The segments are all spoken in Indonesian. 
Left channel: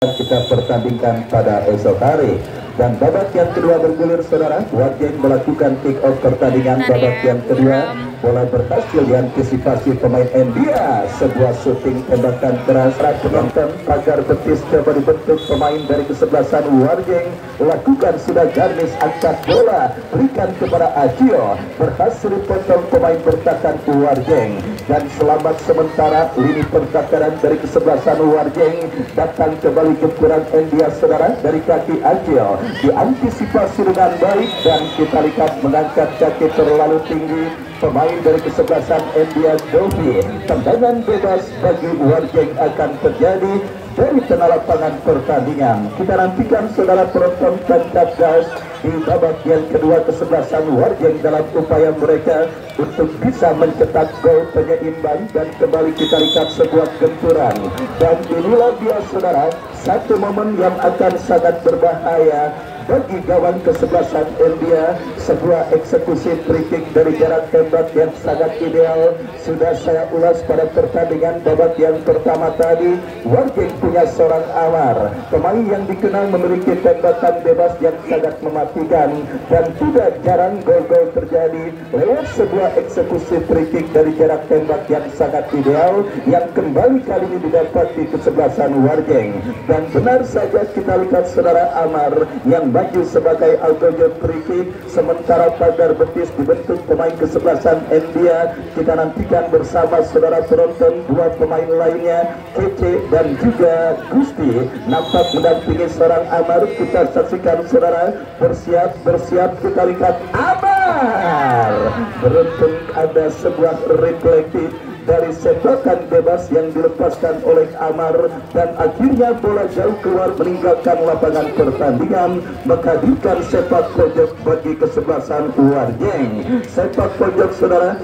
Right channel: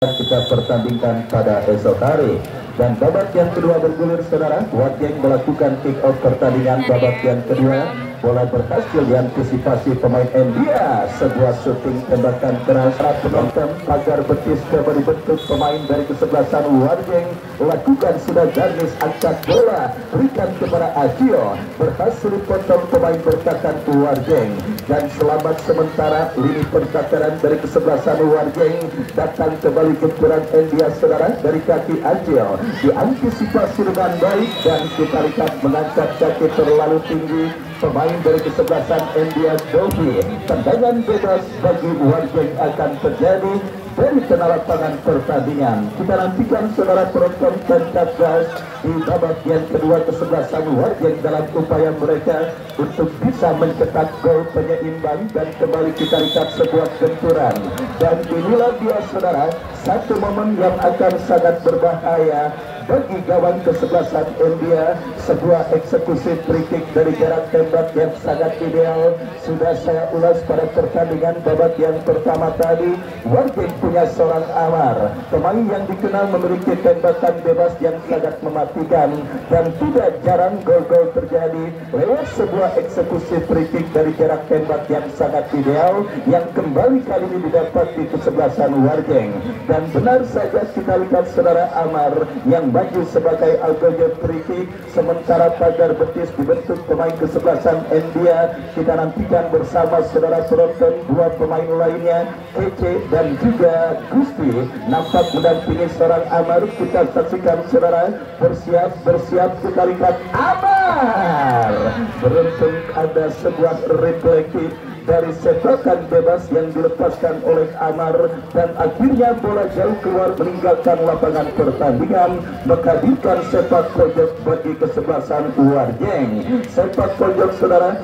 kita pertandingkan pada esok hari. Dan babak yang kedua bergulir saudara, Wargeng melakukan kick off pertandingan babak yang kedua. Bola berhasil diantisipasi pemain India. Sebuah shooting tembakan keras penonton pagar betis coba dibentuk pemain dari kesebelasan Wargeng. Lakukan sudah garnis angkat bola, berikan kepada Akio, berhasil potong pemain bertahan Wargeng. Dan selamat sementara lini pertahanan dari kesebelasan Wargeng. Datang kembali gempuran India saudara dari kaki Akio, diantisipasi dengan baik dan kita lihat mengangkat kaki terlalu tinggi pemain dari kesebelasan India Dovi. Tendangan bebas bagi Wargeng akan terjadi dari tengah lapangan pertandingan. Kita nantikan saudara penonton tancap gas di babak yang kedua kesebelasan Wargeng dalam upaya mereka untuk bisa mencetak gol penyeimbang dan kembali kita lihat sebuah gempuran. Dan inilah dia saudara satu momen yang akan sangat berbahaya bagi gawang kesebelasan India. Sebuah eksekusi free kick dari jarak tembak yang sangat ideal. Sudah saya ulas pada pertandingan babak yang pertama tadi. Wargeng punya seorang Amar, pemain yang dikenal memiliki tembakan bebas yang sangat mematikan, dan tidak jarang gol-gol terjadi lewat sebuah eksekusi free kick dari jarak tembak yang sangat ideal yang kembali kali ini didapat di kesebelasan Wargeng. Dan benar saja kita lihat saudara Amar yang maju sebagai algojo free kick, sementara pagar betis dibentuk pemain kesebelasan India. Kita nantikan bersama saudara penonton dua pemain lainnya, Kece dan juga Gusti, nampak mendampingi seorang Amar. Kita saksikan saudara, bersiap kita lihat Amar beruntung ada sebuah refleksi dari sepakan bebas yang dilepaskan oleh Amar, dan akhirnya bola jauh keluar meninggalkan lapangan pertandingan, menghadirkan sepak pojok bagi kesebelasan Wargeng. Sepak pojok saudara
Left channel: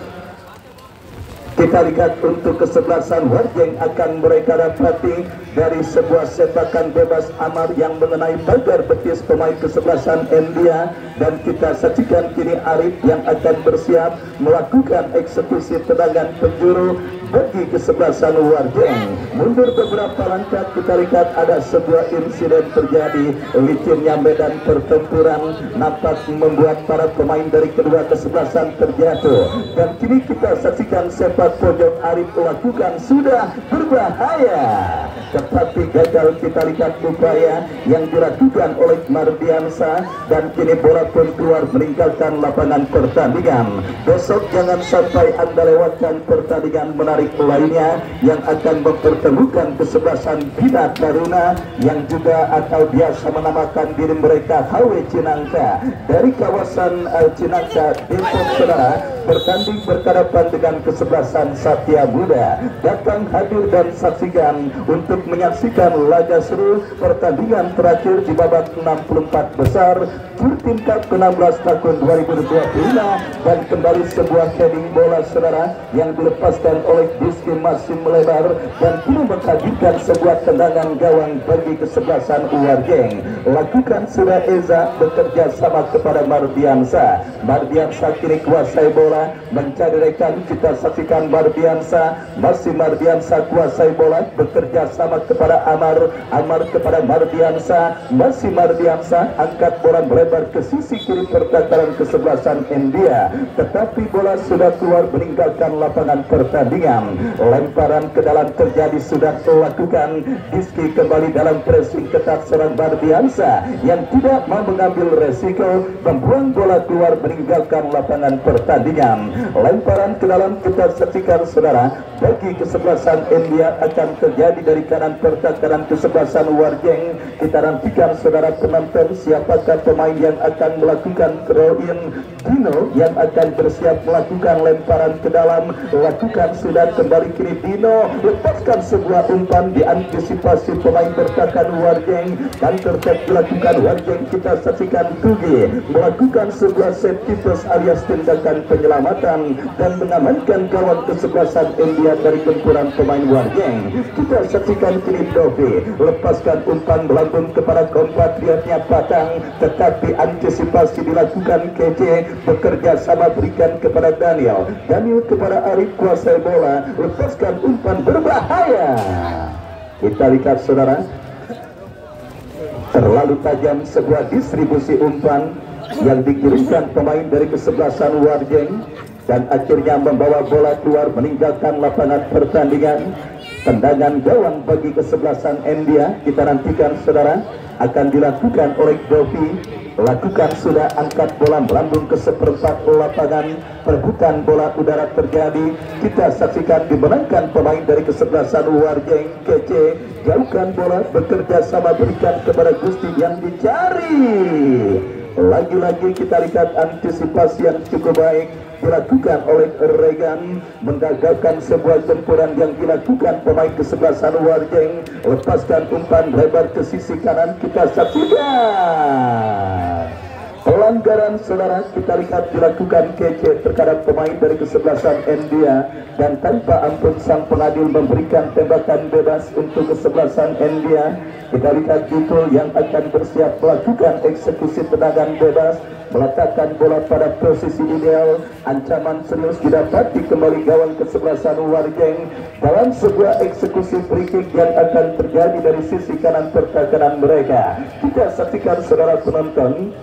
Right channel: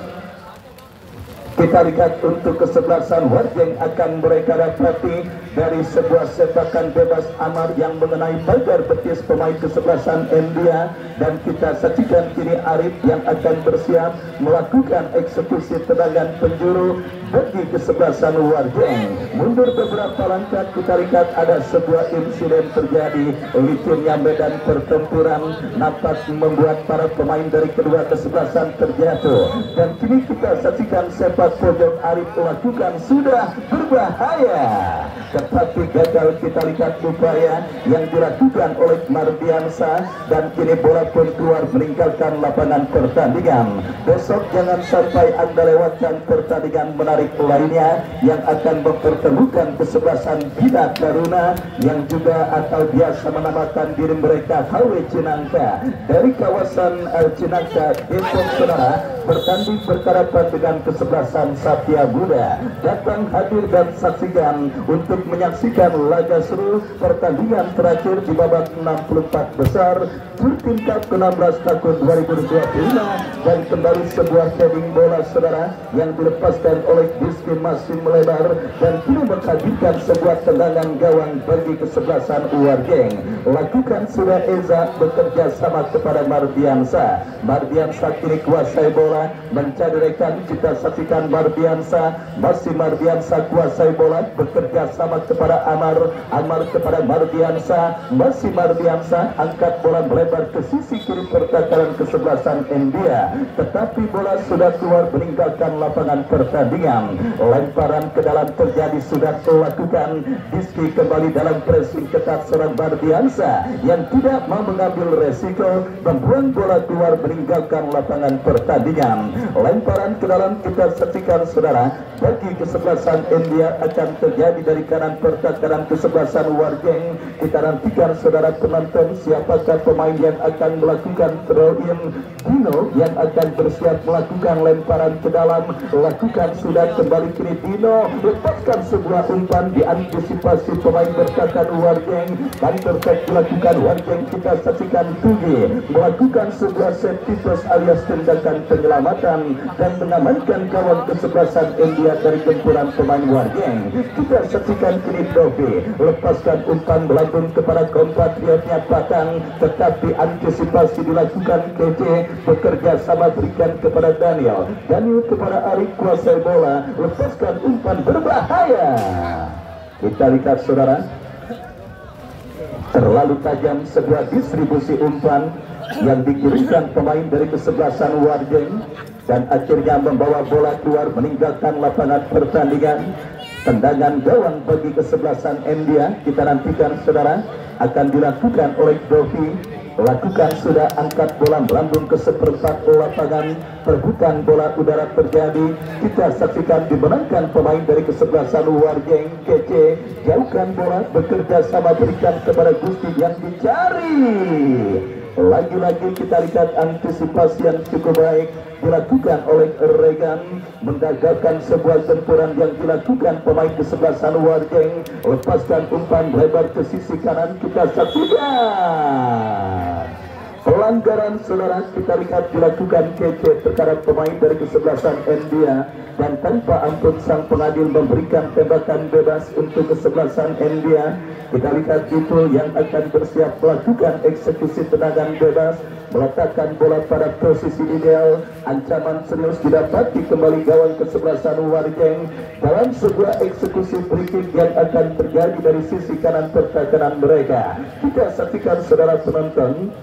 kita lihat untuk kesebelasan Wargeng akan mereka dapati dari sebuah sepakan bebas Amar yang mengenai pagar betis pemain kesebelasan India. Dan kita saksikan kini Arif yang akan bersiap melakukan eksekusi tendangan penjuru bagi kesebelasan Wargeng. Mundur beberapa langkah kita lihat ada sebuah insiden terjadi. Licurnya medan pertempuran nampak membuat para pemain dari kedua kesebelasan terjatuh. Dan kini kita saksikan sepak pojok Arif lakukan sudah berbahaya, tetapi gagal kita lihat upaya yang dilakukan oleh Mardiansa, dan kini bola pun keluar meninggalkan lapangan pertandingan. Besok jangan sampai Anda lewatkan pertandingan menarik lainnya yang akan mempertemukan kesebelasan Bina Karuna yang juga atau biasa menamakan diri mereka HW Cinangka dari kawasan Cinangka Depok saudara, bertanding berhadapan dengan kesebelasan Satya Buddha. Datang hadir dan saksikan untuk menyaksikan laga seru pertandingan terakhir di babak 64 besar Turtimta ke-16 tahun 2025, dan kembali sebuah heading bola saudara yang dilepaskan oleh Rizky masuk melebar dan kini menghadirkan sebuah tendangan gawang bagi kesebelasan Wargeng. Lakukan sudah Eza bekerja sama kepada Mardiansa. Mardiansa kini kuasai bola mencari rekan. Kita saksikan Mardiansa, masih Mardiansa kuasai bola bekerja sama kepada Amar. Amar kepada Mardiansa, masih Mardiansa angkat bola melebar ke sisi kiri pertahanan kesebelasan India, tetapi bola sudah keluar meninggalkan lapangan pertandingan. Lemparan ke dalam terjadi sudah dilakukan. Rizky kembali dalam pressing ketat serang Mardiansa yang tidak mau mengambil resiko, membuang bola keluar meninggalkan lapangan pertandingan. Lemparan ke dalam kita saksikan saudara bagi kesebelasan India akan terjadi dari kanan pertahanan kesebelasan Wargeng. Kita nantikan saudara penonton siapakah pemain yang akan melakukan throw-in. Dino yang akan bersiap melakukan lemparan ke dalam, lakukan sudah kembali kini Dino lepaskan sebuah umpan diantisipasi pemain bertahan Wargeng, dan tertek dilakukan Wargeng. Kita saksikan Tugi melakukan sebuah safety toss alias tindakan penyelamatan dan mengamankan gawang kesebelasan India dari gempuran pemain Wargeng. Kita saksikan kini Dovi lepaskan umpan melambung kepada kompatriotnya Patang, tetapi antisipasi dilakukan Kece, bekerja sama berikan kepada Daniel kepada Arif kuasai bola, lepaskan umpan berbahaya. Kita lihat saudara, Terlalu tajam sebuah distribusi umpan yang dikirimkan pemain dari kesebelasan Warjeng dan akhirnya membawa bola keluar meninggalkan lapangan pertandingan. Tendangan gawang bagi kesebelasan India kita nantikan saudara akan dilakukan oleh Dovi. Lakukan sudah, angkat bola melambung ke seperempat lapangan, perebutan bola udara terjadi. Kita saksikan dimenangkan pemain dari kesebelasan Warjeng. Kece jauhkan bola, bekerja sama berikan kepada Gusti yang dicari. Lagi-lagi kita lihat antisipasi yang cukup baik dilakukan oleh Regan, menggagalkan sebuah tempuran yang dilakukan pemain kesebelasan Warjeng. Lepaskan umpan lebar ke sisi kanan, kita saksikan pelanggaran saudara, kita lihat dilakukan kece terhadap pemain dari kesebelasan India, dan tanpa ampun sang pengadil memberikan tembakan bebas untuk kesebelasan India. Kita lihat itu yang akan bersiap melakukan eksekusi tendangan bebas, meletakkan bola pada posisi ideal. Ancaman serius didapati kembali gawang kesebelasan Warjeng dalam sebuah eksekusi free kick yang akan terjadi dari sisi kanan pertahanan mereka. Kita saksikan saudara penonton.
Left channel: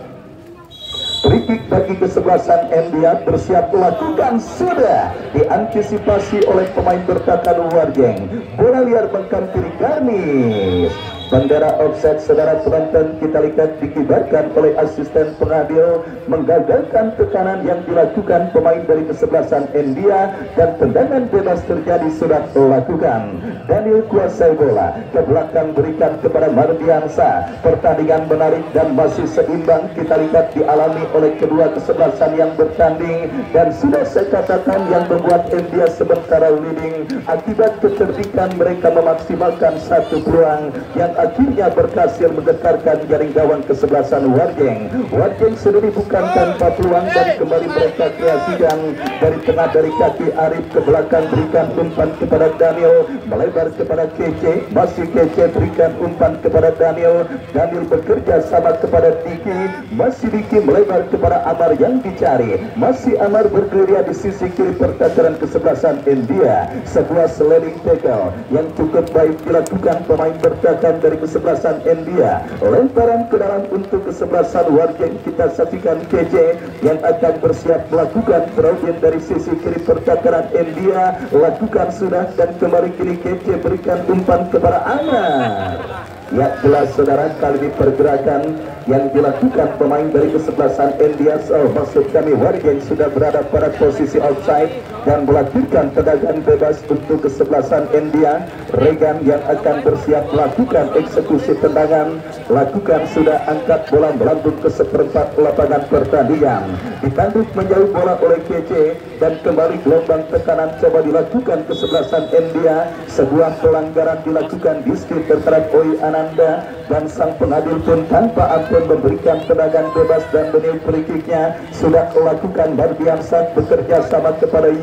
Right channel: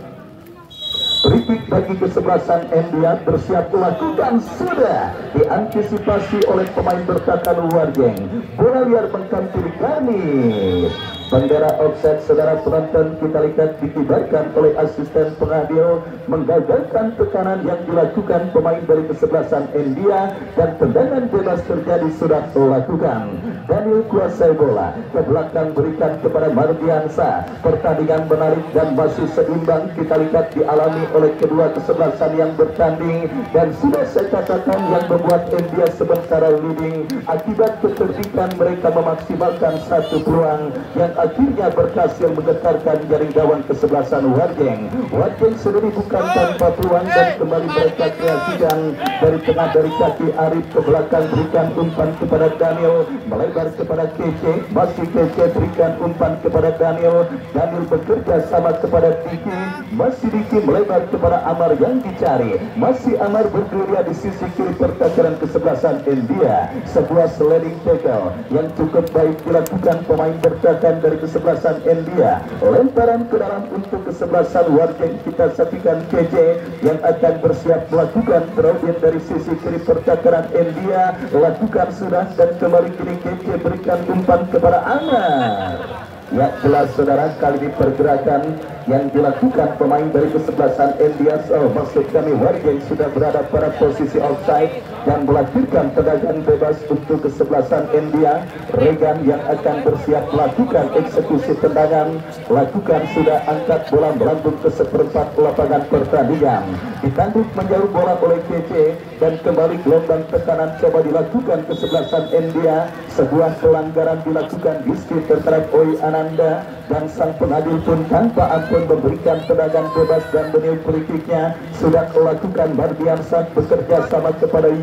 Free kick bagi kesebelasan India bersiap melakukan sudah diantisipasi oleh pemain bertahan Warjeng. Bola liar menghampiri garis. Bendera offside saudara penonton kita lihat dikibarkan oleh asisten pengadil, menggagalkan tekanan yang dilakukan pemain dari kesebelasan India, dan tendangan bebas terjadi sudah dilakukan. Daniel kuasai bola ke belakang berikan kepada Mardiansa. Pertandingan menarik dan masih seimbang kita lihat dialami oleh kedua kesebelasan yang bertanding, dan sudah saya katakan yang membuat India sementara leading akibat kecerdikan mereka memaksimalkan satu peluang yang akhirnya berhasil menggetarkan jaring gawang kesebelasan Warjeng. Warjeng sendiri bukan tanpa peluang dan kembali mereka kreasikan dari tengah dari kaki Arif ke belakang berikan umpan kepada Daniel, melebar kepada Kece, masih Kece berikan umpan kepada Daniel. Daniel bekerja sama kepada Diki, masih Diki melebar kepada Amar yang dicari, masih Amar bergerilya di sisi kiri pertahanan kesebelasan India. Sebuah sliding tackle yang cukup baik dilakukan pemain bertahan dari kesebelasan India. Lemparan ke dalam untuk kesebelasan Warjeng, kita saksikan KJ yang akan bersiap melakukan terobosan dari sisi kiri pertahanan India. Lakukan sudah dan kembali kiri KJ berikan umpan kepada Anar. Ya jelas saudara, kali ini pergerakan yang dilakukan pemain dari kesebelasan India, maksud kami Warjeng sudah berada pada posisi outside dan melakukan tendangan bebas untuk kesebelasan India. Regan yang akan bersiap melakukan eksekusi tendangan, lakukan sudah, angkat bola melambung ke seperempat lapangan pertandingan, ditanduk menjauh bola oleh KC dan kembali gelombang tekanan coba dilakukan kesebelasan India. Sebuah pelanggaran dilakukan di sekitar terhadap Oi Ananda, dan sang pengadil pun tanpa ampun memberikan tendangan bebas dan menil free kicknya sudah melakukan. Mardiansa bekerja sama kepada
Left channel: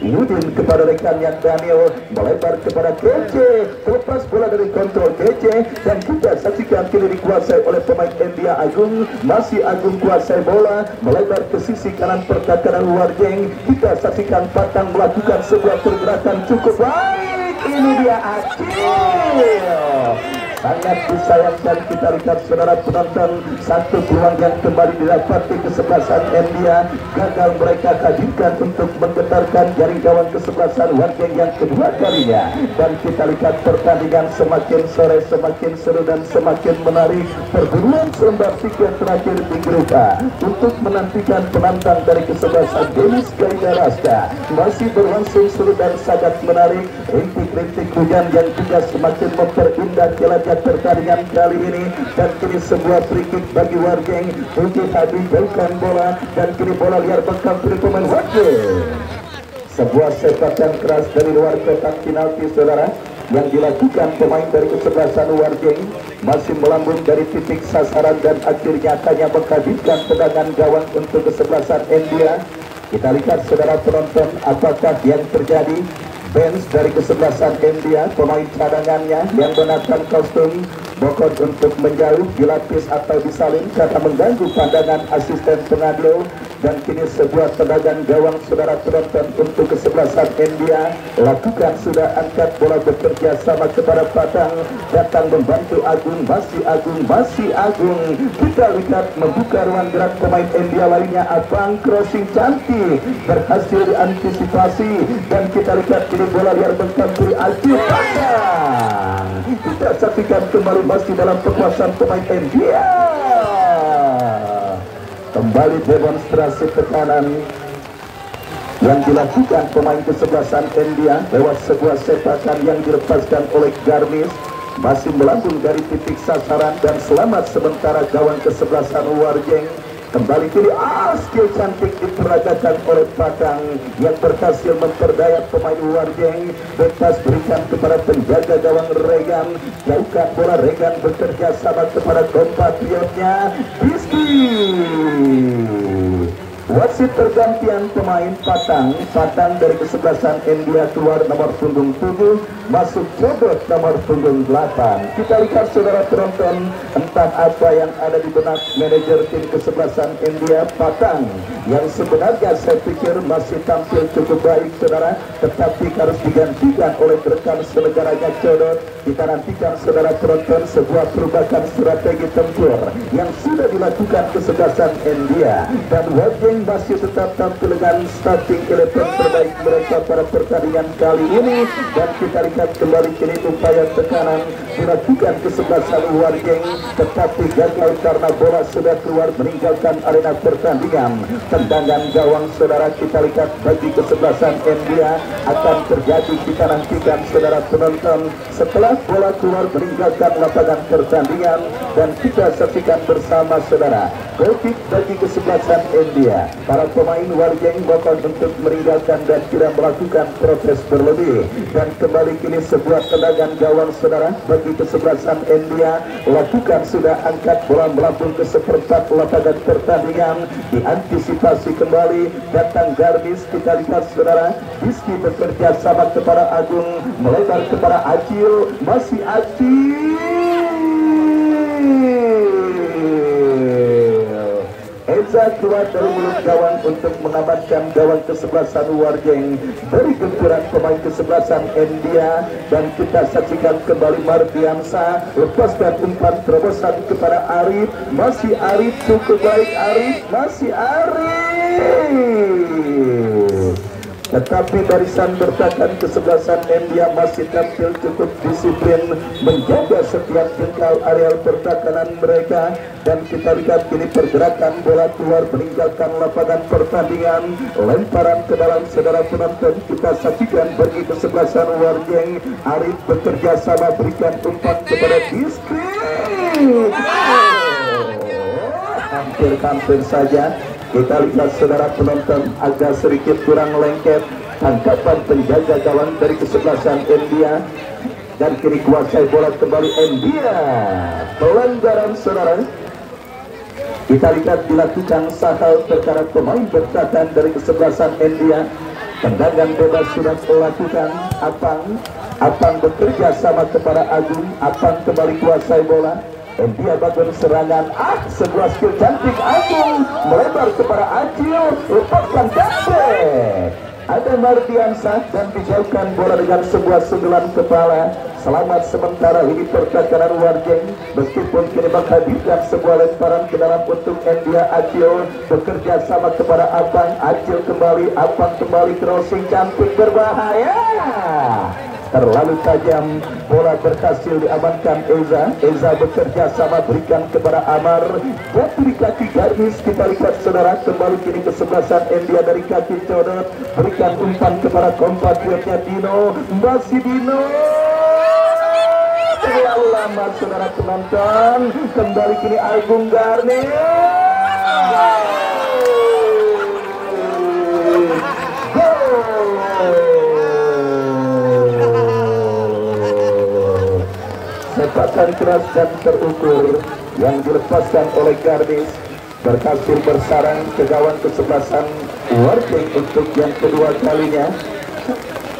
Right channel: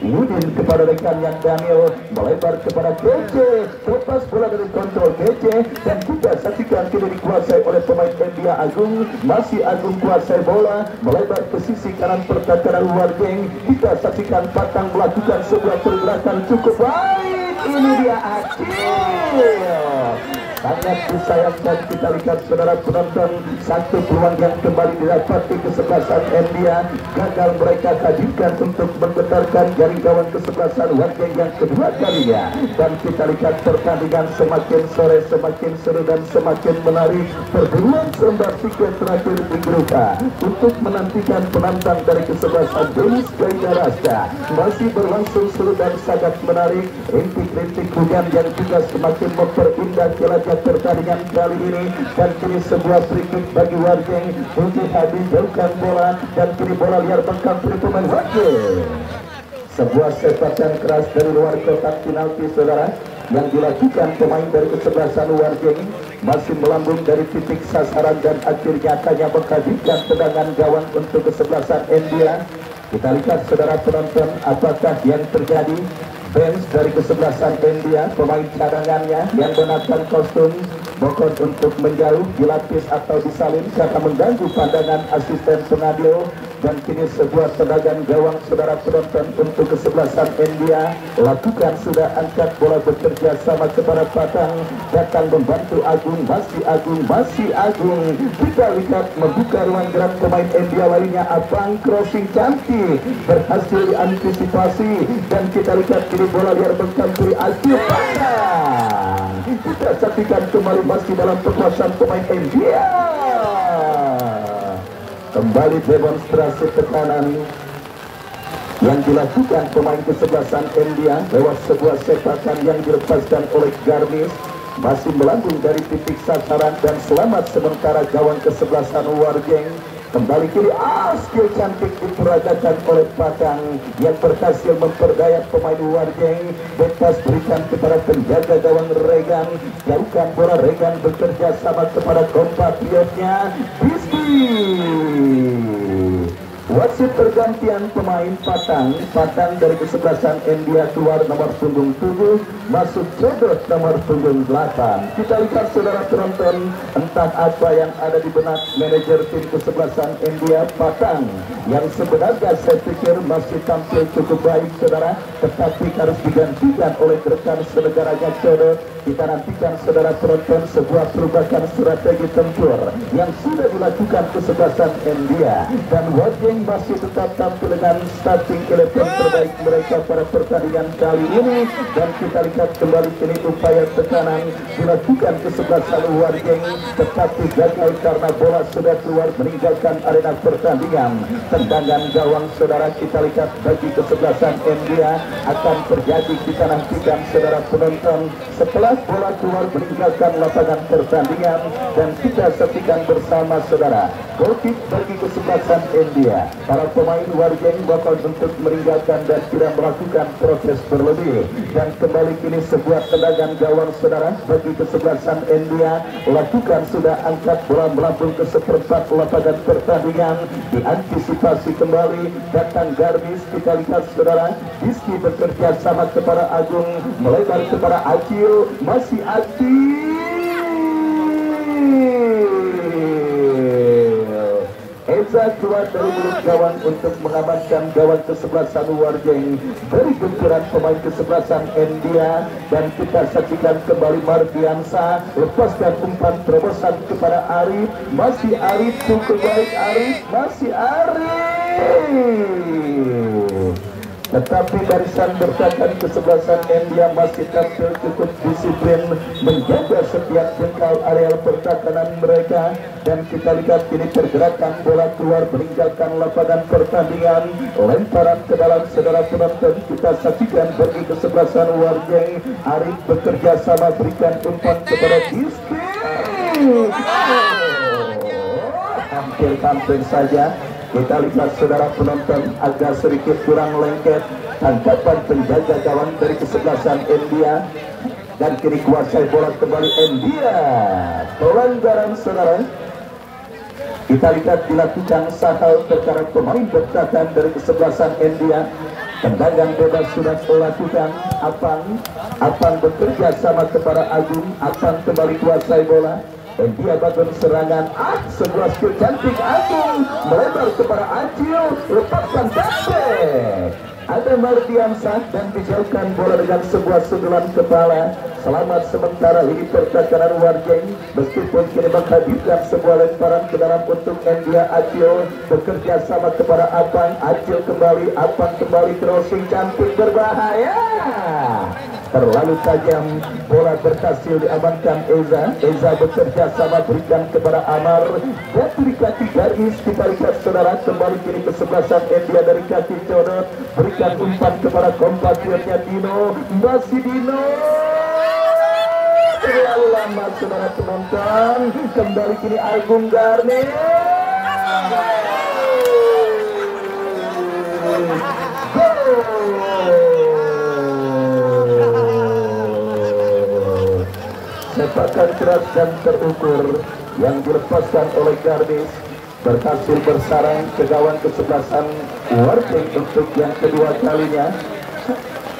Yudin kepada rekannya Daniel, melebar kepada Kece, terlepas bola dari kontrol Kece, dan kita saksikan kini dikuasai oleh pemain India Agung. Masih Agung kuasai bola, melebar ke sisi kanan pertahanan Warjeng. Kita saksikan Patang melakukan sebuah pergerakan cukup baik. Ini dia Acil, sangat disayangkan kita lihat saudara penonton, satu peluang yang kembali didapati kesebelasan India gagal mereka hadirkan untuk menggetarkan jaring gawang kesebelasan Warjeng yang kedua kalinya. Dan kita lihat pertandingan semakin sore semakin seru dan semakin menarik. Perburuan selembar tiket terakhir di grup A untuk menantikan penantang dari kesebelasan Denis Gaya Raska masih berlangsung seru dan sangat menarik. Rintik-rintik hujan yang juga semakin memperindah jelajah pertandingan kali ini, dan kini sebuah free kick bagi Warjeng. Tujuh Hadi jauhkan bola dan kini bola liar menghampiri pemain Warjeng. Sebuah sepakan keras dari luar kotak penalti saudara yang dilakukan pemain dari kesebelasan Warjeng, masih melambung dari titik sasaran dan akhirnya hanya menghadirkan tendangan gawang untuk kesebelasan India. Kita lihat saudara penonton apakah yang terjadi. Bench dari kesebelasan India, pemain cadangannya yang mengenakan kostum bokor untuk menjauh, dilapis atau disalin karena mengganggu pandangan asisten pengadil. dan kini sebuah tendangan gawang saudara penonton untuk kesebelasan India. Lakukan sudah angkat bola bekerja sama kepada Patang, datang membantu Agung, masih Agung. Kita lihat membuka ruang gerak pemain India lainnya. Abang crossing cantik berhasil diantisipasi dan kita lihat kini bola liar bercampur Ayu Patang. Kita saksikan kembali masih dalam kekuasaan pemain India. Kembali demonstrasi tekanan yang dilakukan pemain kesebelasan India lewat sebuah sepakan yang dilepaskan oleh Garnis, masih melambung dari titik sasaran dan selamat sementara gawang kesebelasan Warjeng. Kembali kiri, skill cantik diperagakan oleh Patang yang berhasil memperdaya pemain Warjeng. Bebas berikan kepada penjaga gawang Regan, jauhkan bola. Regan bekerja sama kepada kompatriotnya Rizky. Wasit pergantian pemain Patang dari kesebelasan India keluar nomor punggung 7, masuk Cebet nomor punggung 8. Kita lihat saudara penonton, entah apa yang ada di benak manajer tim kesebelasan India Patang yang sebenarnya saya pikir masih tampil cukup baik saudara, tetapi harus digantikan oleh rekan senegaranya Cebet. Kita nantikan saudara penonton sebuah perubahan strategi tempur yang sudah dilakukan kesebelasan India, dan Warjeng masih tetap tampil dengan starting 11 terbaik mereka pada pertandingan kali ini. Dan kita lihat kembali kini upaya tekanan dilakukan kesebelasan Warjeng, tetapi gagal karena bola sudah keluar meninggalkan arena pertandingan. Tendangan gawang saudara kita lihat bagi kesebelasan India akan terjadi. Kita nantikan saudara penonton setelah bola keluar meninggalkan lapangan pertandingan, dan kita saksikan bersama saudara goal kick bagi kesebelasan India. Para pemain Warjeng bakal bentuk meninggalkan dan tidak melakukan proses berlebih. Dan kembali kini sebuah tendangan gawang saudara bagi kesebelasan India. Lakukan sudah angkat bola melambung ke seperempat lapangan pertandingan. Diantisipasi kembali, datang Garmis. Kita lihat saudara, Rizky bekerja sama kepada Agung, melebar kepada Acil, masih Acil. Eza keluar dari mulut gawang untuk mengamankan gawang kesebelasan Warjeng dari gempuran pemain kesebelasan India. Dan kita saksikan kembali Mardiansa lepaskan umpan terobosan kepada Arif, masih Arif, cukup baik Arif, masih Arif. Tetapi barisan bertahan kesebelasan India masih tampil cukup disiplin menjaga setiap jengkal areal pertahanan mereka. Dan kita lihat kini pergerakan bola keluar meninggalkan lapangan pertandingan, lemparan ke dalam saudara penonton. Kita saksikan bagi kesebelasan Warjeng, Arif bekerja sama berikan umpan kepada Rizky. Hampir saja. Kita lihat saudara penonton agak sedikit kurang lengket tangkapan penjaga gawang dari kesebelasan India, dan kini kuasai bola kembali India. Pelanggaran saudara kita lihat dilakukan sahal perkara pemain bertahan dari kesebelasan India. Tendangan bebas sudah dilakukan. Apang bekerja sama kepada Agung. Apang kembali kuasai bola. India bagian serangan, sebuah skill cantik Agung melebar kepada Acil, lepaskan basket. Ada Mardiansa dan dijauhkan bola dengan sebuah sundulan kepala. Selamat sementara ini pertahanan Warjeng, meskipun kini menghadirkan sebuah lemparan ke dalam untuk India. Acil bekerja sama kepada Abang, Acil kembali, Abang kembali crossing cantik berbahaya. Terlalu tajam, bola berhasil diamankan Eza bekerja sama berikan kepada Amar, dan dari kaki Garnis. Kita lihat saudara kembali kini kesebelasan India dari kaki Codot berikan umpan kepada kompatriotnya Dino, masih Dino. Terlalu lama saudara penonton, kembali kini Agung Garnis. Sepakan keras dan terukur yang dilepaskan oleh Garnis berhasil bersarang ke gawang kesebelasan Warjeng untuk yang kedua kalinya.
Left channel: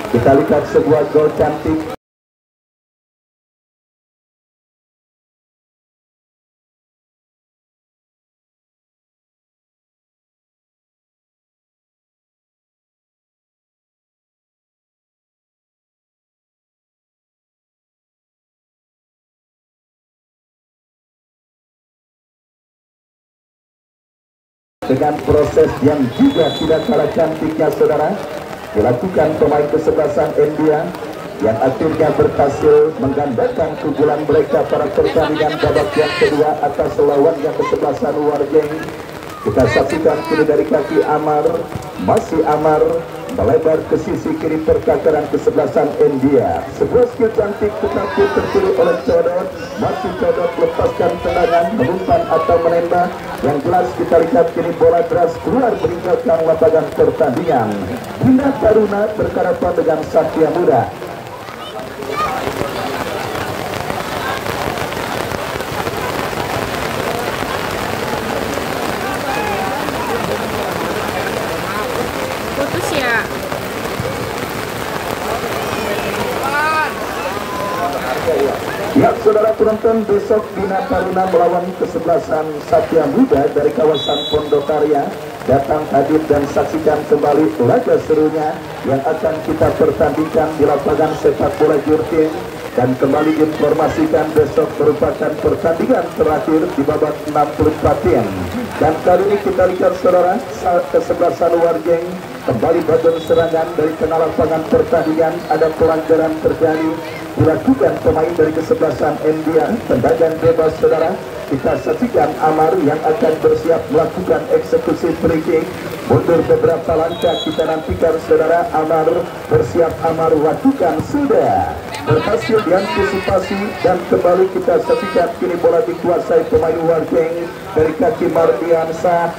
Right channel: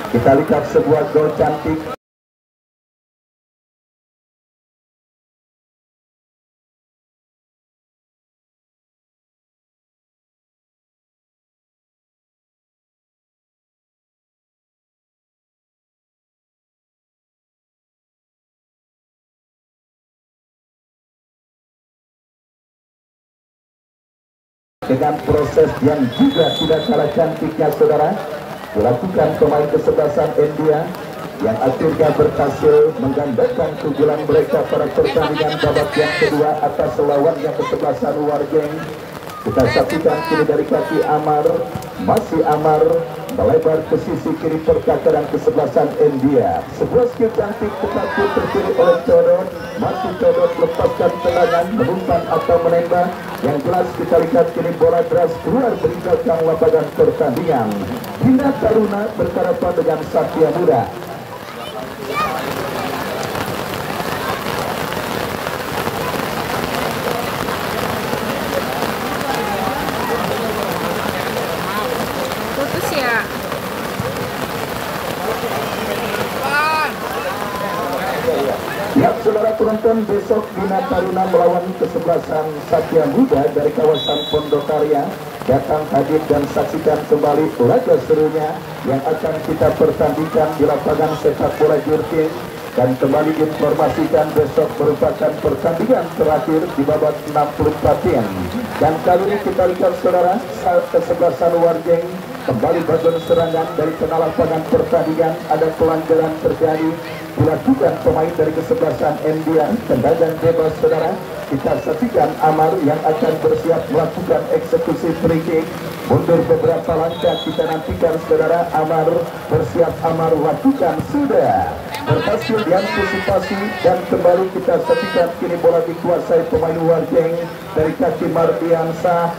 Kita lihat sebuah gol cantik. dengan proses yang juga tidak kalah cantiknya saudara dilakukan pemain kesebelasan India yang akhirnya berhasil menggambarkan keunggulan mereka pada pertandingan babak yang kedua atas lawan yang kesebelasan Warjeng. Kita saksikan kini dari kaki Amar, masih Amar melebar ke sisi kiri pertakaran kesebelasan India. Sebuah skill cantik tetapi terpilih oleh Codot. Masih Codot lepaskan tendangan, mengumpan atau menembak. Yang jelas kita lihat kini bola deras keluar meninggalkan lapangan pertandingan. Bina Taruna berhadapan dengan Satria Muda. Putus ya. Ya, saudara penonton, besok Bina Taruna melawan kesebelasan Satria Muda dari kawasan Pondokarya. Datang hadir dan saksikan kembali laga serunya yang akan kita pertandingkan di lapangan sepak bola Jurtin. Dan kembali informasikan besok merupakan pertandingan terakhir di babak 64. Dan kali ini kita lihat saudara, kesebelasan Warjeng kembali bergabung serangan dari tengah lapangan pertandingan. Ada pelanggaran terjadi dilakukan pemain dari kesebelasan India. Tendangan bebas saudara, kita saksikan Amar yang akan bersiap melakukan eksekusi free kick. Mundur beberapa langkah, kita nantikan saudara. Amar bersiap, Amar lakukan, sudah berhasil diantisipasi. Dan kembali kita saksikan kini bola dikuasai pemain Warjeng dari kaki Mardiansa.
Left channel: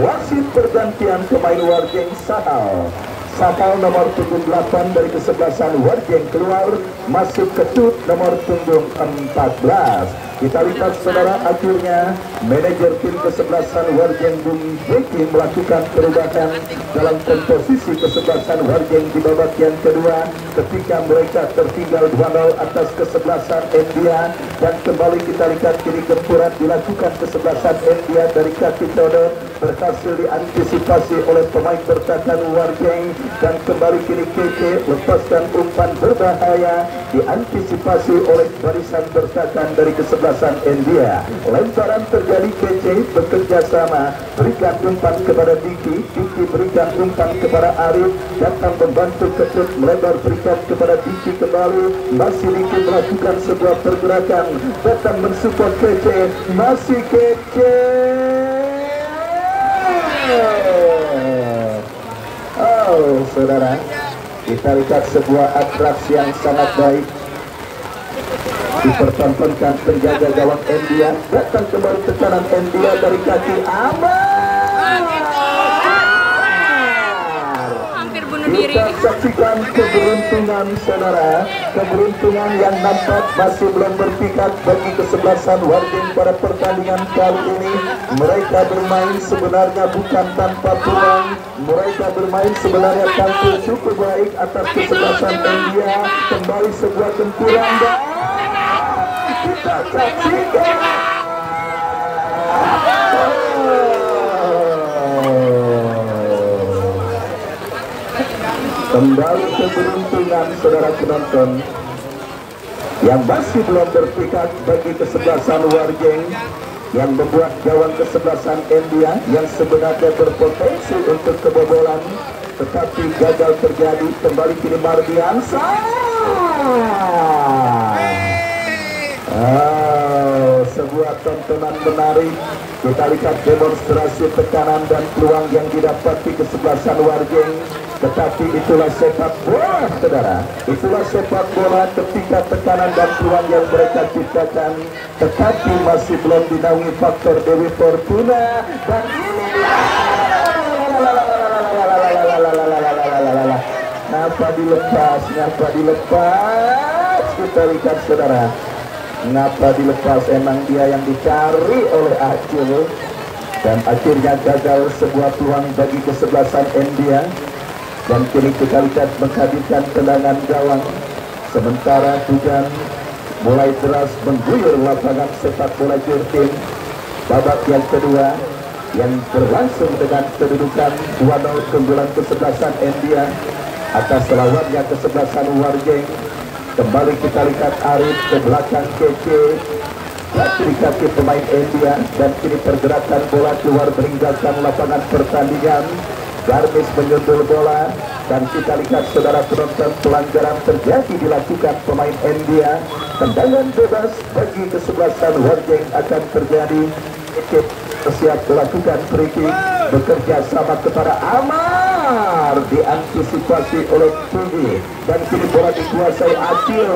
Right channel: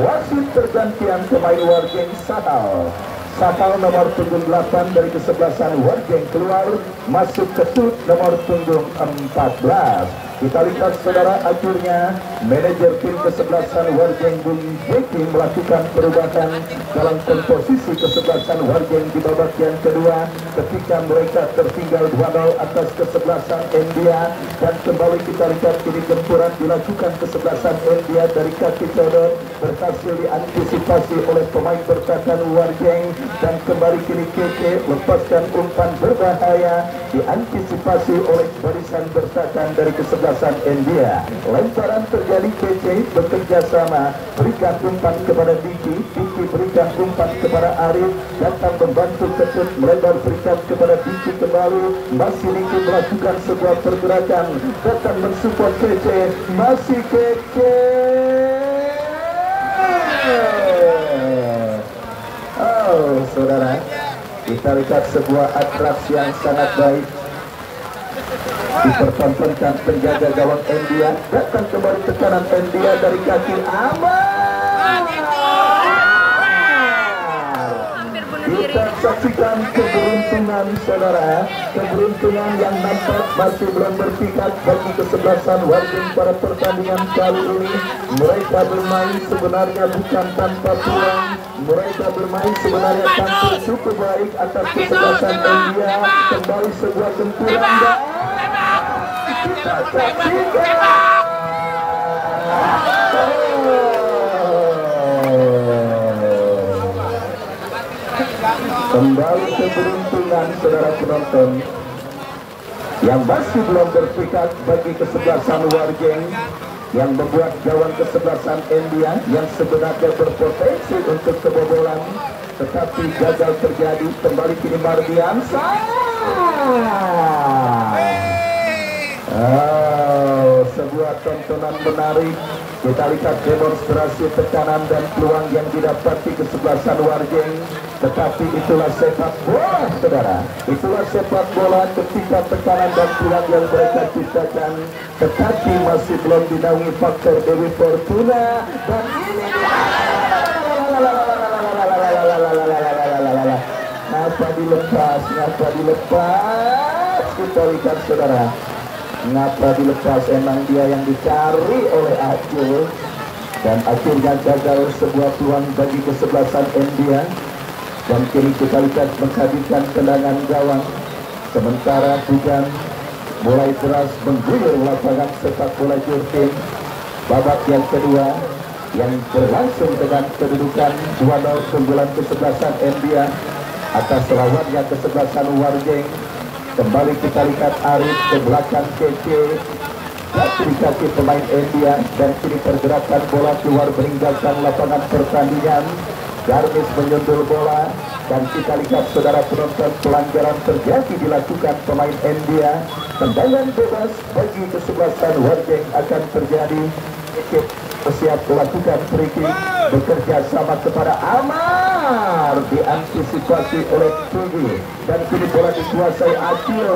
Wasit pergantian pemain Warjeng Sahal nomor punggung 8 dari kesebelasan Warjeng keluar, masuk Ketut nomor punggung 14. Kita lihat saudara, akhirnya manajer tim kesebelasan Warjeng Bung Beki melakukan perubahan dalam komposisi kesebelasan Warjeng di babak yang kedua ketika mereka tertinggal 2-0 atas kesebelasan India. Dan kembali kita lihat kini gempuran dilakukan kesebelasan India dari kaki Codot, berhasil diantisipasi oleh pemain bertahan Warjeng. Dan kembali kini Keke lepaskan umpan berbahaya, diantisipasi oleh barisan bertahan dari kesebelasan India. Lemparan terjadi, Keke bekerja sama, berikan umpan kepada Diki berikan umpan kepada Arif, datang membantu Ketut melebar, berikan kepada Diki kembali, masih Diki melakukan sebuah pergerakan, datang mensupport Keke, masih Keke. Oh saudara, kita lihat sebuah atraksi yang sangat baik dipertontonkan penjaga gawang India. Datang kembali tekanan India dari kaki Amar. Kita saksikan keberuntungan saudara, keberuntungan yang nampak masih belum berpikat bagi kesebelasan Warjeng pada pertandingan kali ini. Mereka bermain sebenarnya bukan tanpa peluang, mereka bermain sebenarnya tampil cukup baik atas kesebelasan India. Kembali sebuah benturan dan kita saksikan kembali keberuntungan saudara penonton yang masih belum berpikat bagi kesebelasan Warjeng yang membuat gawang kesebelasan India yang sebenarnya berpotensi untuk kebobolan tetapi gagal terjadi. Kembali kini Mardiansa. Sebuah tontonan menarik. Kita lihat demonstrasi tekanan dan peluang yang didapati kesebelasan Warjeng. Tetapi itulah sepak bola saudara, itulah sepak bola ketika tekanan dan peluang yang mereka ciptakan tetapi masih belum dinaungi faktor Dewi Fortuna. Dan ini ngapa dilepas, kita lihat saudara, ngapa dilepas, emang dia yang dicari oleh Acil. Dan akhirnya gagal sebuah peluang bagi kesebelasan India. Dan kini kita lihat menghadirkan tendangan gawang sementara hujan mulai deras mengguyur lapangan sepak bola Jurtin. Babak yang kedua yang berlangsung dengan kedudukan 2-0 keunggulan kesebelasan India atas lawannya kesebelasan Warjeng. Kembali kita lihat Arif ke belakang Keke, Kiri kaki pemain India dan kini pergerakan bola keluar meninggalkan lapangan pertandingan. Garmis menyundul bola dan kita lihat saudara penonton pelanggaran terjadi dilakukan pemain India. Tendangan bebas bagi kesebelasan Warjeng akan terjadi. Ikut bersiap melakukan free kick, bekerja sama kepada Amar, diantisipasi oleh Tugi dan kini bola dikuasai Acil.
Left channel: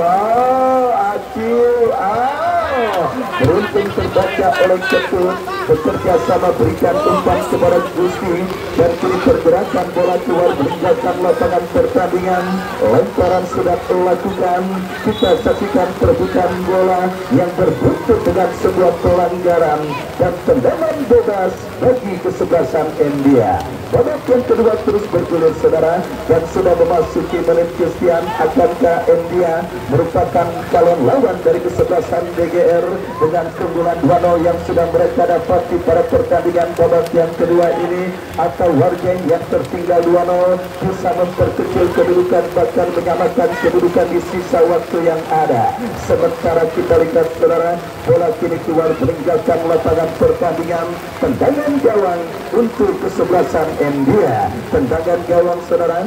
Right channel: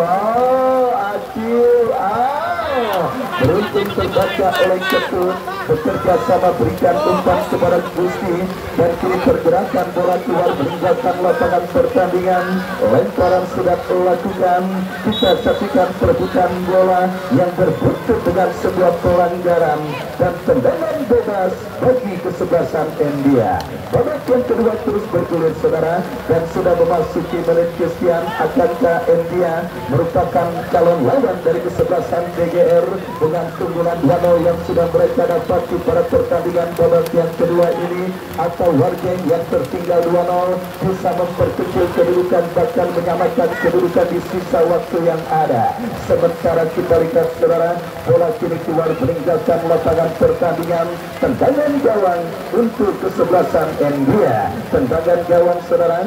Beruntung terbaca oleh Ketut, bekerja sama berikan umpan kepada Gusti dan kini pergerakan bola keluar meninggalkan lapangan pertandingan. Lemparan sudah dilakukan, kita saksikan perebutan bola yang berbuntut dengan sebuah pelanggaran dan tendangan bebas bagi kesebelasan India. Babak yang kedua terus bergulir saudara dan sudah memasuki menit kesekian. Akankah India merupakan calon lawan dari kesebelasan DGR dengan keunggulan 2-0 yang sudah mereka dapati pada pertandingan babak yang kedua ini, atau Warjeng yang tertinggal 2-0 bisa memperkecil kedudukan bahkan menyamakan kedudukan di sisa waktu yang ada. Sementara kita lihat saudara, bola kini keluar meninggalkan lapangan pertandingan. Tendangan gawang untuk kesebelasan India. Tendangan gawang saudara,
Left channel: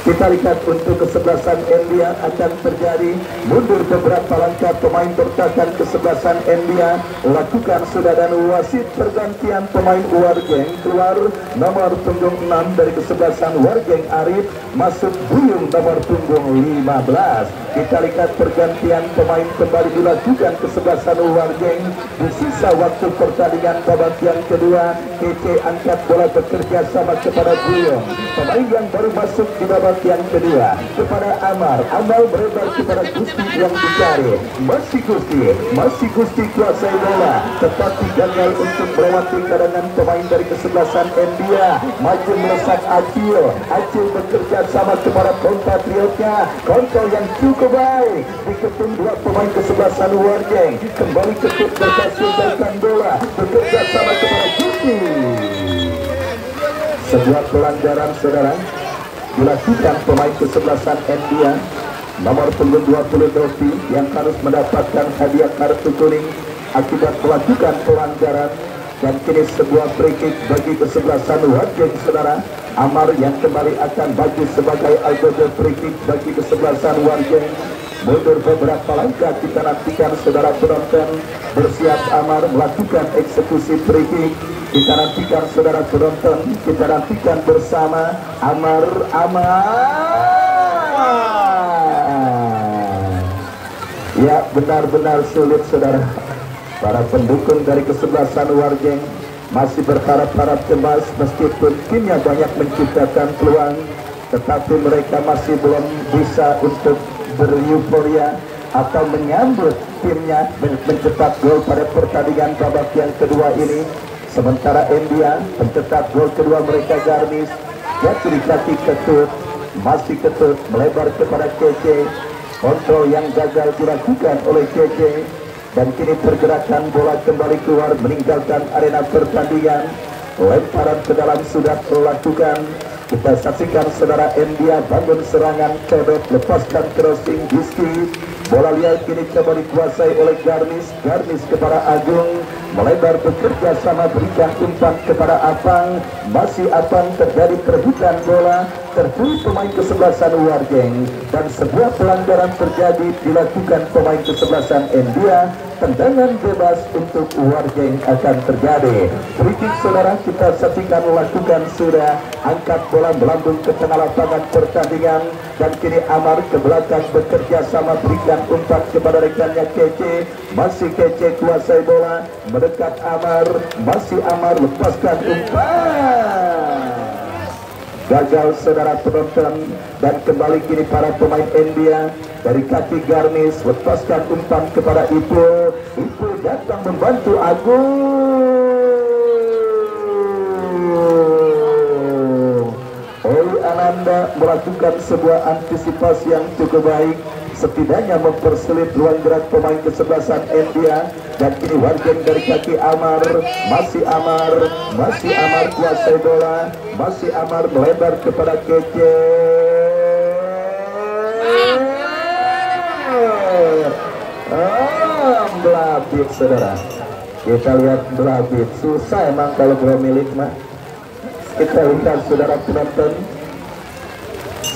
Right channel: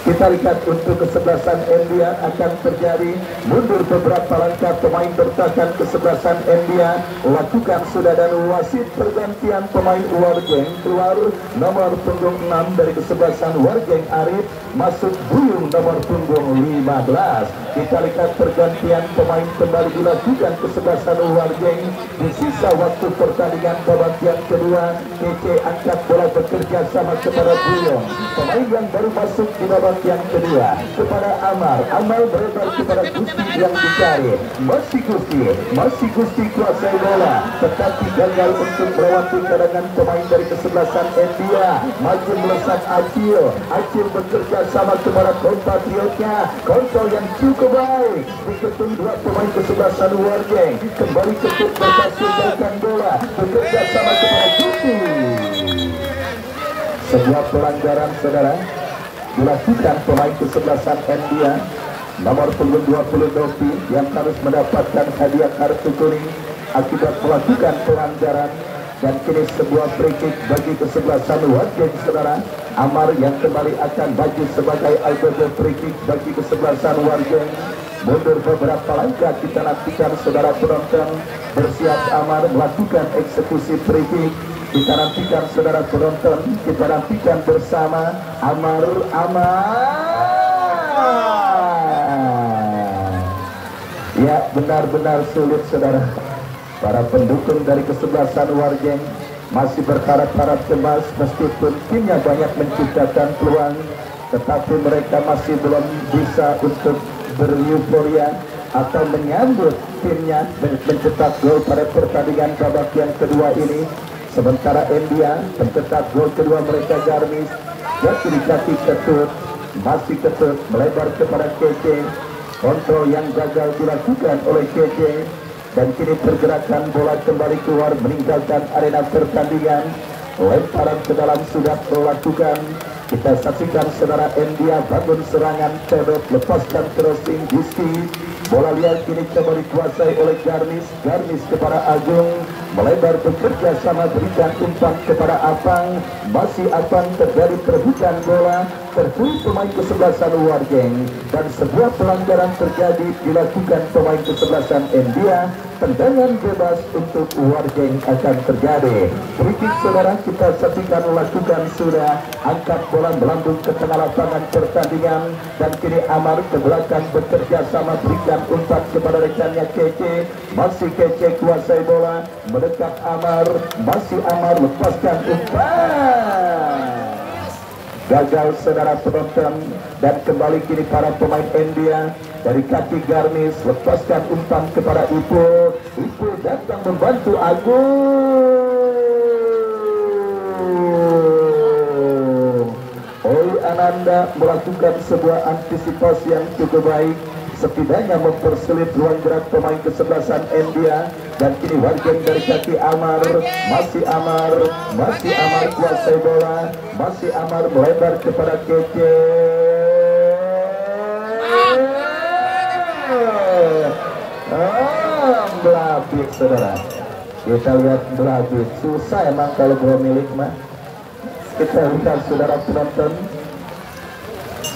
kita lihat untuk kesebelasan India akan terjadi mundur beberapa langkah pemain bertahan kesebelasan India lakukan sudah dan wasit pergantian pemain Warjeng keluar nomor punggung 6 dari kesebelasan Warjeng Arif masuk Buyung nomor punggung 15. Kita lihat pergantian pemain kembali dilakukan kesebelasan Warjeng di sisa waktu pertandingan babak yang kedua. KK angkat bola bekerja sama kepada Buyung, pemain yang baru masuk di babak yang kedua kepada Amar. Amar beredar kepada Gusti yang dicari. Masih Gusti kuasai bola tetapi gagal untuk melewati cadangan pemain dari kesebelasan India. Maju melesat Acil bekerja sama kepada compatriotnya. Kontrol yang cukup baik diketum dua pemain kesebelasan Warjeng. Kembali Ketut berhasil melakukan bola bekerja sama kepada Gusti. Sebuah pelanggaran saudara dilakukan pemain kesebelasan India nomor punggung 20 Dovi yang harus mendapatkan hadiah kartu kuning akibat melakukan pelanggaran. Dan kini sebuah free kick bagi kesebelasan Warjeng saudara. Amar yang kembali akan bagi sebagai algojo free kick bagi kesebelasan Warjeng. Mundur beberapa langkah kita nantikan saudara penonton. Bersiap Amar melakukan eksekusi free kick. Kita nantikan saudara penonton, kita nantikan bersama Amar. Ya, benar-benar sulit saudara. Para pendukung dari kesebelasan Warjeng masih berharap-harap cemas meskipun timnya banyak menciptakan peluang, tetapi mereka masih belum bisa untuk bereuforia atau menyambut timnya dan mencetak gol pada pertandingan babak yang kedua ini. Sementara India mencetak gol kedua mereka Garmis dan kiri kaki Ketut, masih Ketut melebar kepada KC. Kontrol yang gagal dilakukan oleh KC dan kini pergerakan bola kembali keluar meninggalkan arena pertandingan. Lemparan ke dalam sudah dilakukan. Kita saksikan saudara India bangun serangan, codot lepaskan crossing Giski. Bola liar kini kembali dikuasai oleh Garmis kepada Agung, melebar bekerja sama berikan umpan kepada Apang. Masih Apang terjadi perebutan bola, tertulis pemain kesebelasan Warjeng dan sebuah pelanggaran terjadi dilakukan pemain kesebelasan India. Tendangan bebas untuk Warjeng akan terjadi. Free kick saudara kita saksikan lakukan sudah. Angkat bola melambung ke tengah lapangan pertandingan dan kini Amar ke belakang bekerja sama berikan umpan kepada rekannya Kece. Masih Kece kuasai bola mendekat Amar. Masih Amar lepaskan umpan. Gagal saudara penonton dan kembali kini para pemain India dari kaki Garmis lepaskan umpan kepada Ipo datang membantu Agung. Ananda melakukan sebuah antisipasi yang cukup baik, setidaknya mempersulit ruang gerak pemain kesebelasan India. Dan kini Warjeng dari kaki Amar, masih Amar kuasai bola, masih Amar melebar kepada Kece. saudara. Kita lihat berhabis, susah emang kalau bro milik mah. Kita lihat saudara penonton,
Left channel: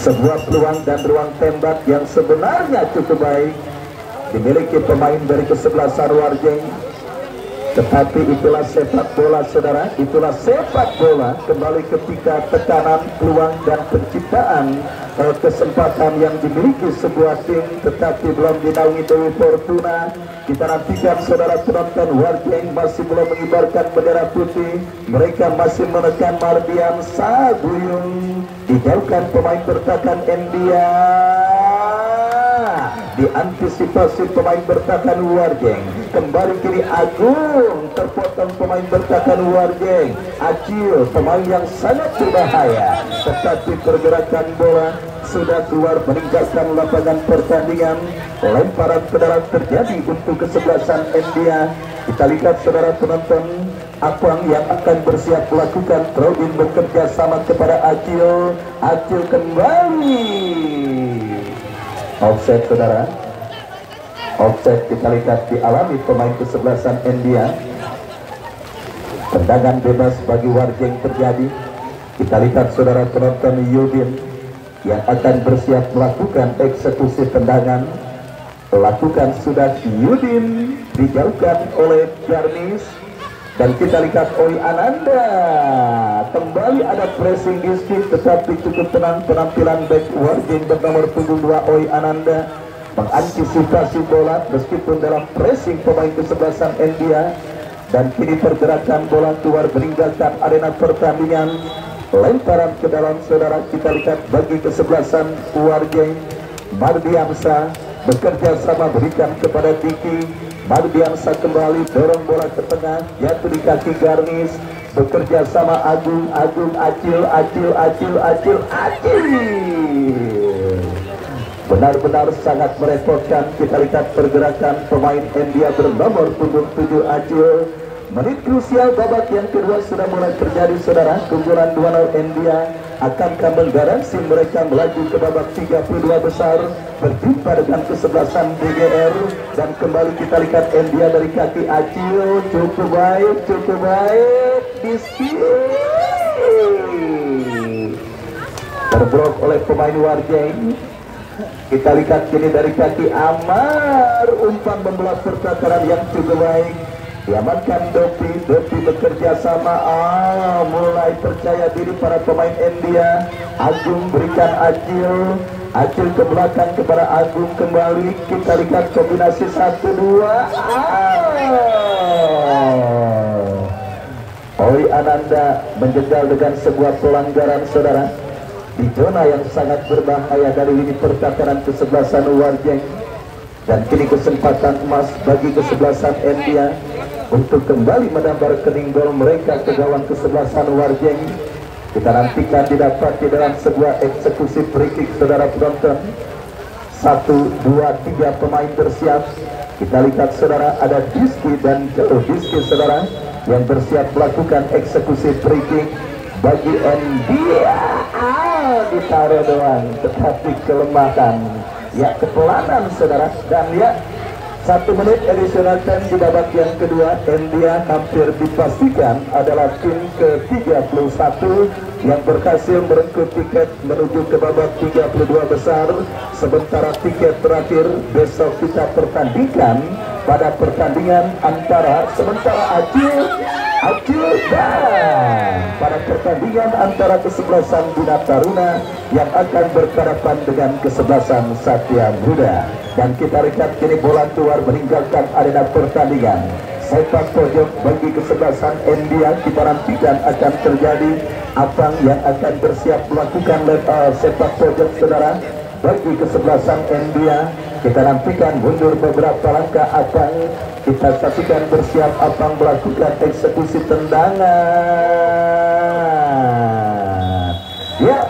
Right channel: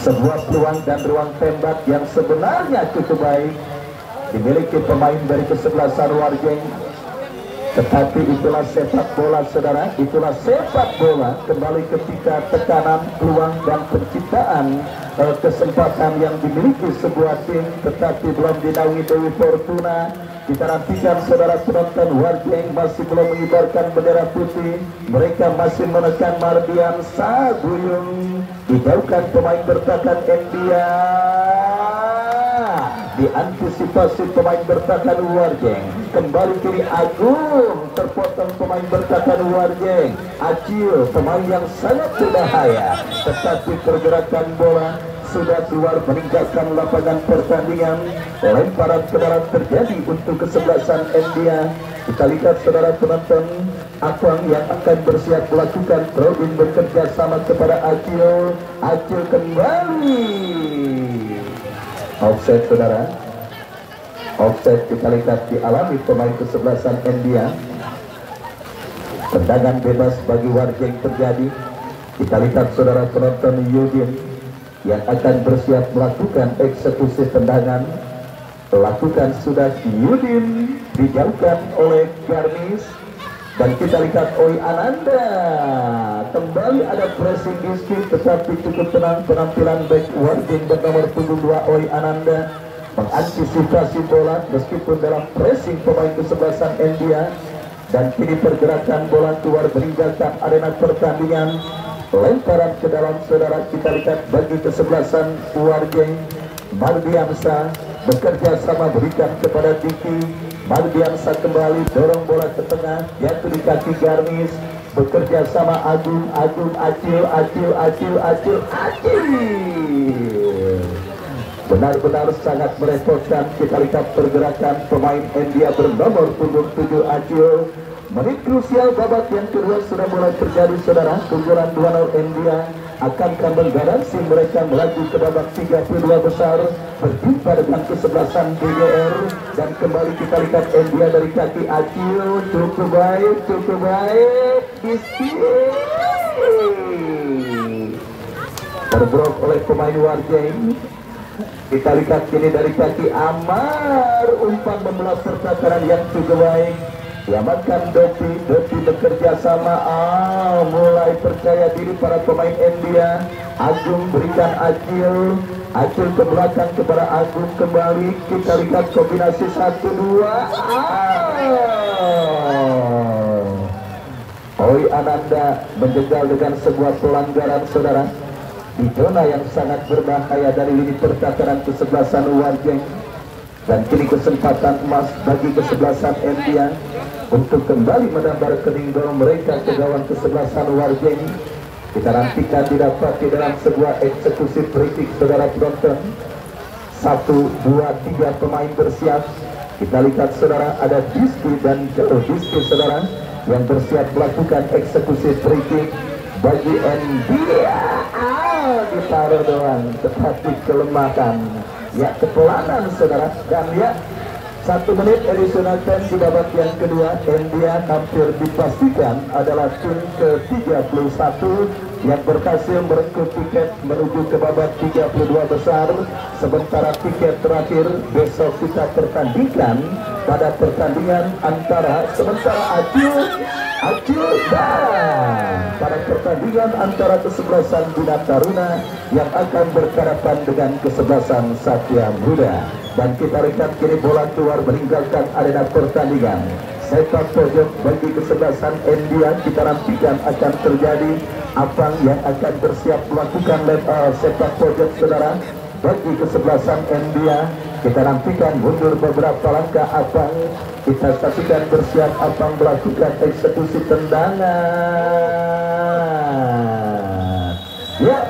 sebuah peluang dan ruang tembak yang sebenarnya cukup baik dimiliki pemain dari kesebelasan Warjeng. Tetapi itulah sepak bola saudara, itulah sepak bola. Kembali ketika tekanan, peluang dan penciptaan kesempatan yang dimiliki sebuah tim, tetapi belum dinaungi Dewi Fortuna. Kita nantikan saudara penonton, Warjeng masih belum mengibarkan bendera putih. Mereka masih menekan Mardian Saguyung. Dijauhkan pemain bertahan India. Diantisipasi pemain bertahan Warjeng. Kembali kiri Agung, terpotong pemain bertahan Warjeng. Acil, pemain yang sangat berbahaya, tetapi pergerakan bola sudah keluar meninggalkan lapangan pertandingan. Lemparan ke dalam terjadi untuk kesebelasan India. Kita lihat saudara penonton, Apang yang akan bersiap melakukan throw-in bekerja sama kepada Acil. Acil kembali. Offset saudara, offset kita lihat dialami pemain kesebelasan India. Tendangan bebas bagi Warjeng terjadi. Kita lihat saudara penonton, Yudin yang akan bersiap melakukan eksekusi tendangan. Lakukan sudah Yudin, dijauhkan oleh Jarnis. Dan kita lihat Oi Ananda. Kembali ada pressing diskit, tetapi cukup tenang penampilan back Warjeng bernomor 72 Oi Ananda mengantisipasi bola meskipun dalam pressing pemain kesebelasan India. Dan kini pergerakan bola keluar meninggalkan arena pertandingan. Lemparan ke dalam saudara, kita lihat bagi kesebelasan Warjeng. Mardiansa bekerja sama berikan kepada Diki. Mardiansa kembali dorong bola ke tengah, jatuh di kaki Garmis. Bekerja sama Agung, Acil. Benar-benar sangat merepotkan. Kita lihat pergerakan pemain India bernomor 77 Acil. Menit krusial babak yang kedua sudah mulai terjadi saudara. Keunggulan 2-0 India akankah menggaransi mereka melaju ke babak 32 besar berjumpa dengan kesebelasan BGR. Dan kembali kita lihat India dari kaki Acil. Cukup baik diskit terbrok oleh pemain Warjeng. Kita lihat kini dari kaki Amar, umpan membelah serta terang yang cukup baik. Diamankan Doti bekerja sama. Mulai percaya diri para pemain India. Agung berikan Acil ke belakang kepada Agung kembali. Kita lihat kombinasi 1-2. Oi Ananda menjegal dengan sebuah pelanggaran saudara di zona yang sangat berbahaya dari lini pertahanan kesebelasan Warjeng. Dan kini kesempatan emas bagi kesebelasan India untuk kembali menambah rekening gol mereka ke gawang kesebelasan Warjeng. Kita nantikan didapati dalam sebuah eksekusi free kick saudara penonton. 1, 2, 3 pemain bersiap. Kita lihat saudara ada Diski dan Diski saudara yang bersiap melakukan eksekusi free kick bagi India. Ditaruh doang, tetapi kelemahan, ya kepelanan saudara. Dan ya 1 menit additional time di babak yang kedua. India hampir dipastikan adalah tim ke-31 yang berhasil merengkuh tiket menuju ke babak 32 besar. Sementara tiket terakhir besok kita pertandingkan pada pertandingan antara sementara Acil dan pada pertandingan antara kesebelasan Bina Taruna yang akan berhadapan dengan kesebelasan Satya Muda. Dan kita lihat kini bola keluar meninggalkan arena pertandingan. Sepak pojok bagi kesebelasan India. Kita nantikan akan terjadi Apang yang akan bersiap melakukan sepak pojok saudara bagi kesebelasan India. Kita nantikan mundur beberapa langkah Apang. Kita saksikan bersiap Apang melakukan eksekusi tendangan. Ya,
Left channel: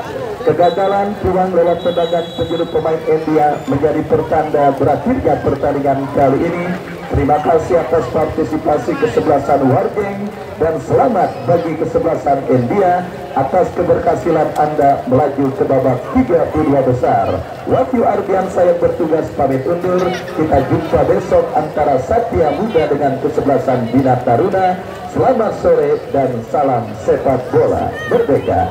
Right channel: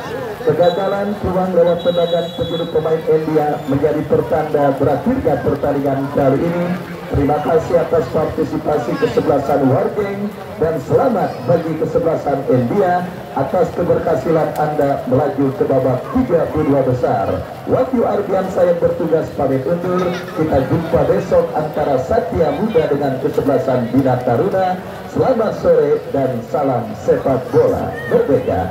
Kegagalan peluang lewat tendangan penjuru pemain India menjadi pertanda berakhirnya pertandingan kali ini. Terima kasih atas partisipasi kesebelasan Wargeng dan selamat bagi kesebelasan India atas keberhasilan Anda melaju ke babak 32 besar. Wahyu Ardiansa yang bertugas pamit undur. Kita jumpa besok antara Satya Muda dengan kesebelasan Bina Taruna. Selamat sore dan salam sepak bola merdeka.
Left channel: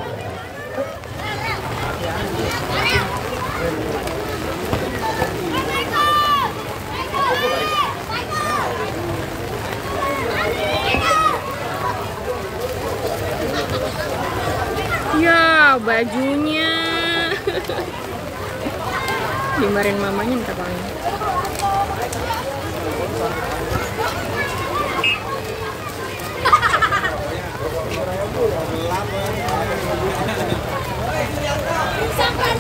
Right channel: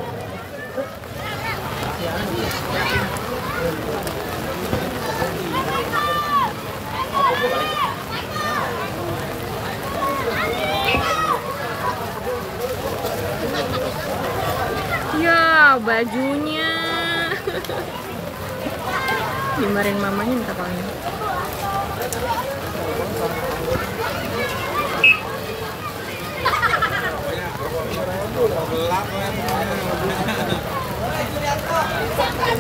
Ya, bajunya. Dimarahin mamanya minta paling. Sampai